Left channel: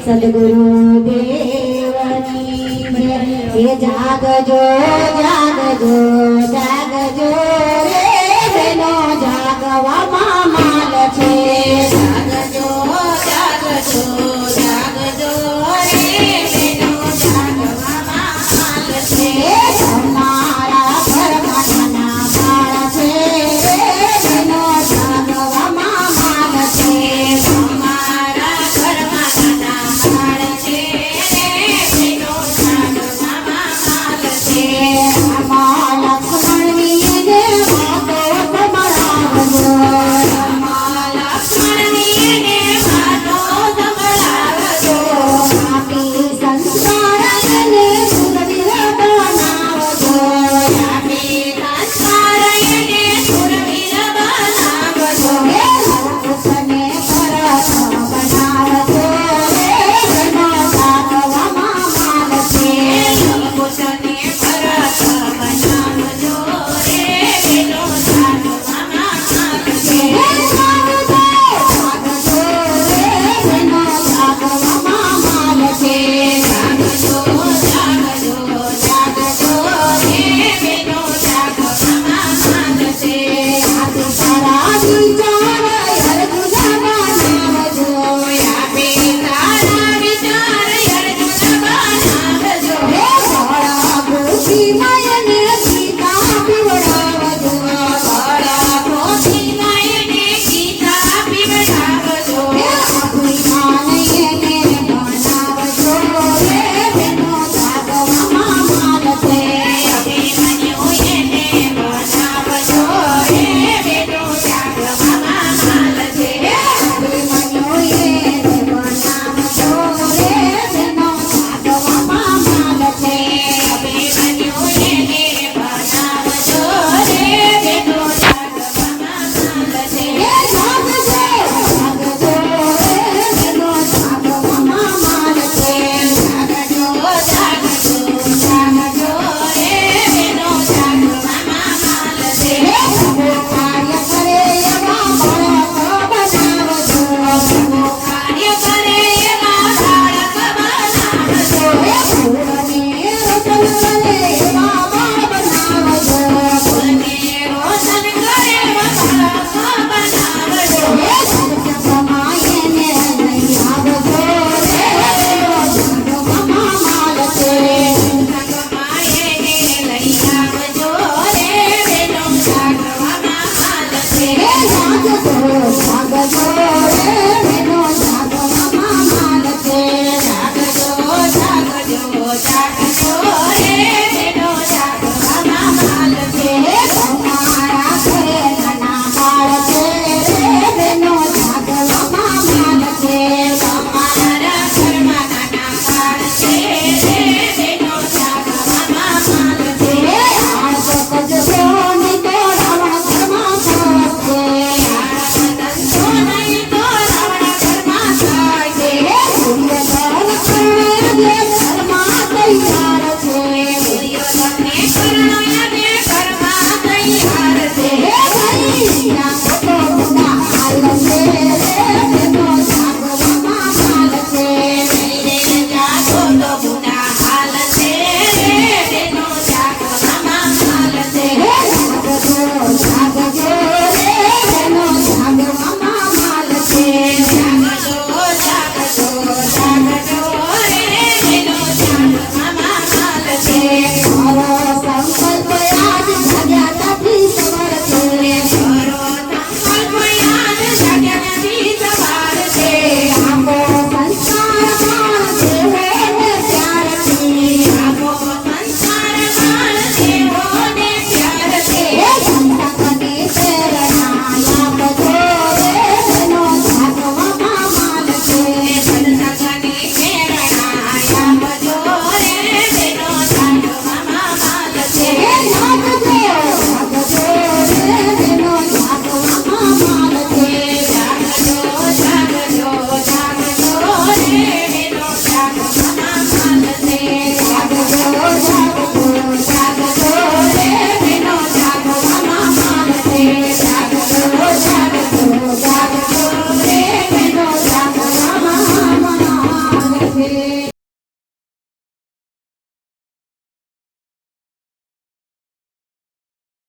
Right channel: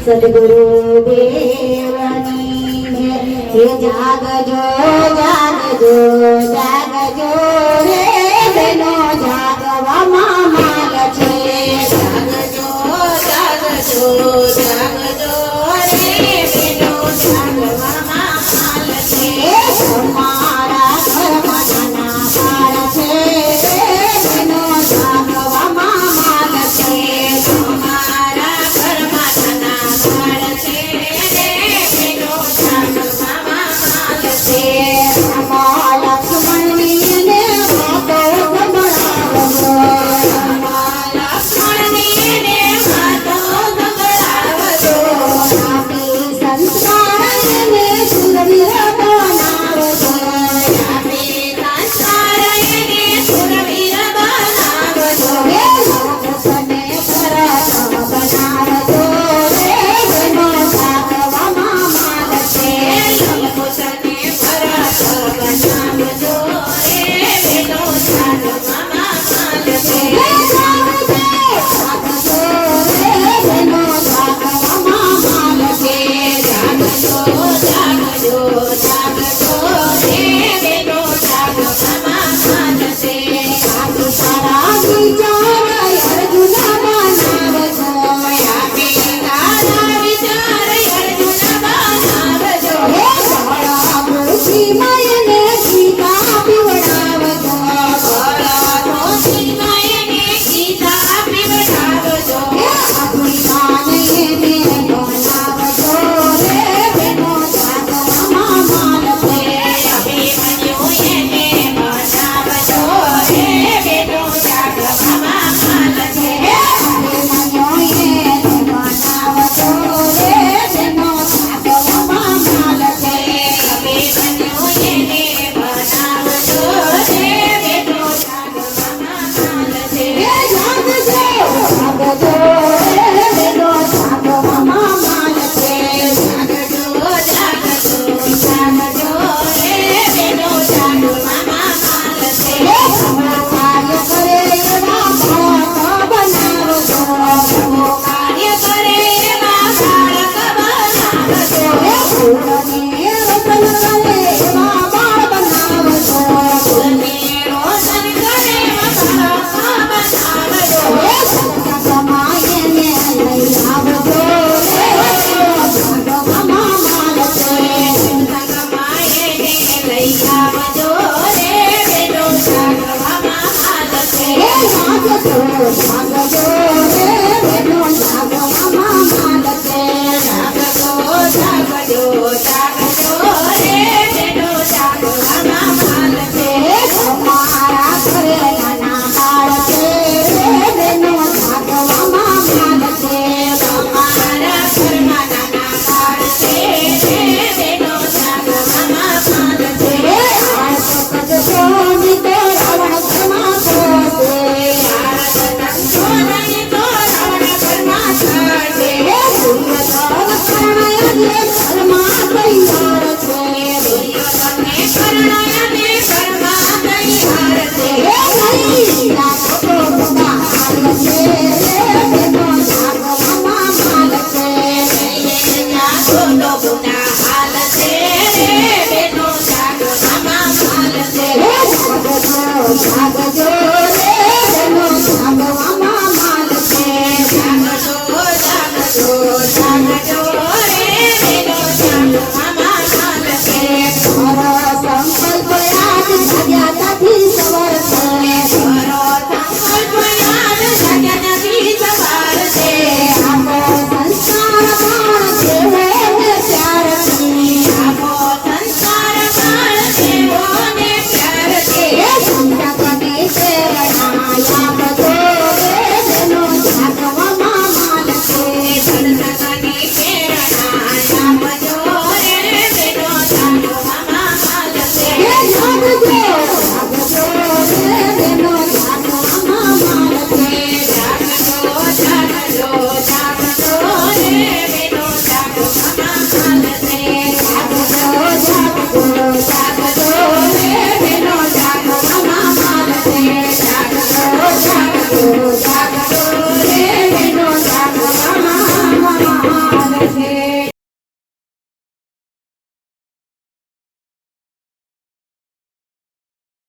સદગુરુ દેવની હે જાગજો જાગજો જાગજો રે બેનો જાગવામાં માગ છે જાગજો જાગજો જાગજો રે બેનો જાગવામાં માગ છે તમારા ઘરમાં નાના બાળ છે બેનો જાગવામાં માગ છે તમારા ઘરમાં નાના બાળ છે બેનો જાગવામાં માગ છે રામા લક્ષ્મણની ને વાતો સંભળાવજો રામા લક્ષ્મણની ને વાતો સંભળાવજો આપી સંસ્કારને સુરવીર બનાવજો આપી સંસ્કારને સુરવીર બનાવજો હે લોકોને પરત બનાવજો રે બેનો જાગવામાં માગ છે લોકોને પરત બનાવજો રે બેનો જાગવામાં માગ છે જાગજો જાગજો રે બેનો જાગવામાં માગ છે જાગજો જાગજો જાગજો રે બેનો જાગવામાં માગ છે આપી તારા વિચાર અર્જુન બનાવજો આપી તારા વિચાર અર્જુન બનાવજો હે ભોળા પૃથ્વીમયને ગીતા પીવડાવજો ભોળા પૃથ્વીમયને ગીતા પીવડાવજો હે અભિમાનને બનાવજો રે બેનો જાગવામાં માગ છે અભિમન્યુને બનાવજો રે બેનો જાગવામાં માગ છે અભિમન્યુને બનાવજો રે બેનો જાગવામાં માગ છે અભિમન્યુને બનાવજો રે બેનો જાગવામાં માગ છે જાગજો જાગજો રે બેનો જાગવામાં માગ છે જાગજો જાગજો જાગજો રે બેનો જાગવામાં માગ છે પ્રભુ કાર્ય કરે એવા બાળક બનાવજો પ્રભુ કાર્ય કરે એવા બાળક બનાવજો હે ફૂલને રોશન કરે એવા બાળ બનાવજો ફૂલને રોશન કરે એવા બાળક બનાવજો હે સમાયને લઈ આવજો રે બેનો જાગવામાં માગ છે સમાયને લઈ આવજો રે બેનો જાગવામાં માગ છે જાગજો જાગજો રે બેનો જાગવામાં માગ છે જાગજો જાગજો જાગજો રે બેનો જાગવામાં માગ છે તમારા ઘરે નાના બાળ છે બેનો જાગવામાં માગ છે તમારા ઘરમાં નાના બાળ છે બેનો જાગવામાં માગ છે આળસ કરજો નહીં તો રાવણ ઘરમાં થશે આળસ કરજો નહીં તો રાવણ ઘરમાં થશે દુર્યોધન કર્ણને ઘરમાં તૈયાર છે દુર્યોધને કર્ણને ઘરમાં તૈયાર છે નહીં રાખો ગુના હાલ છે બેનો જાગવામાં માગ છે જાગો તો ગુના હાલ છે બેનો જાગવામાં માગ છે જાગજો જાગજો રે બેનો જાગવામાં માગ છે જાગજો જાગજો જાગજો રે બેનો જાગવામાં માગ છે મારો સંકલ્પ યાદ જગ્યાથી સવાર છે મારો સંકલ્પ યાદ જગ્યાથી સવાર છે આપો સંસ્કાર બાળ છે ને પ્યાર છે આપો સંસ્કાર બાળ છે ને પ્યાર છે સંતકને પ્રેરણા આપજો રે બેનો જાગવામાં માગ છે સંતકને પ્રેરણા આપજો રે બેનો જાગવામાં માગ છે જાગજો જાગજો રે બેનો જાગવામાં માગ છે જાગજો જાગજો જાગજો રે બેનો જાગવામાં માગ છે જાગજો જાગજો જાગજો રે બેનો જાગવામાં માગ છે જાગજો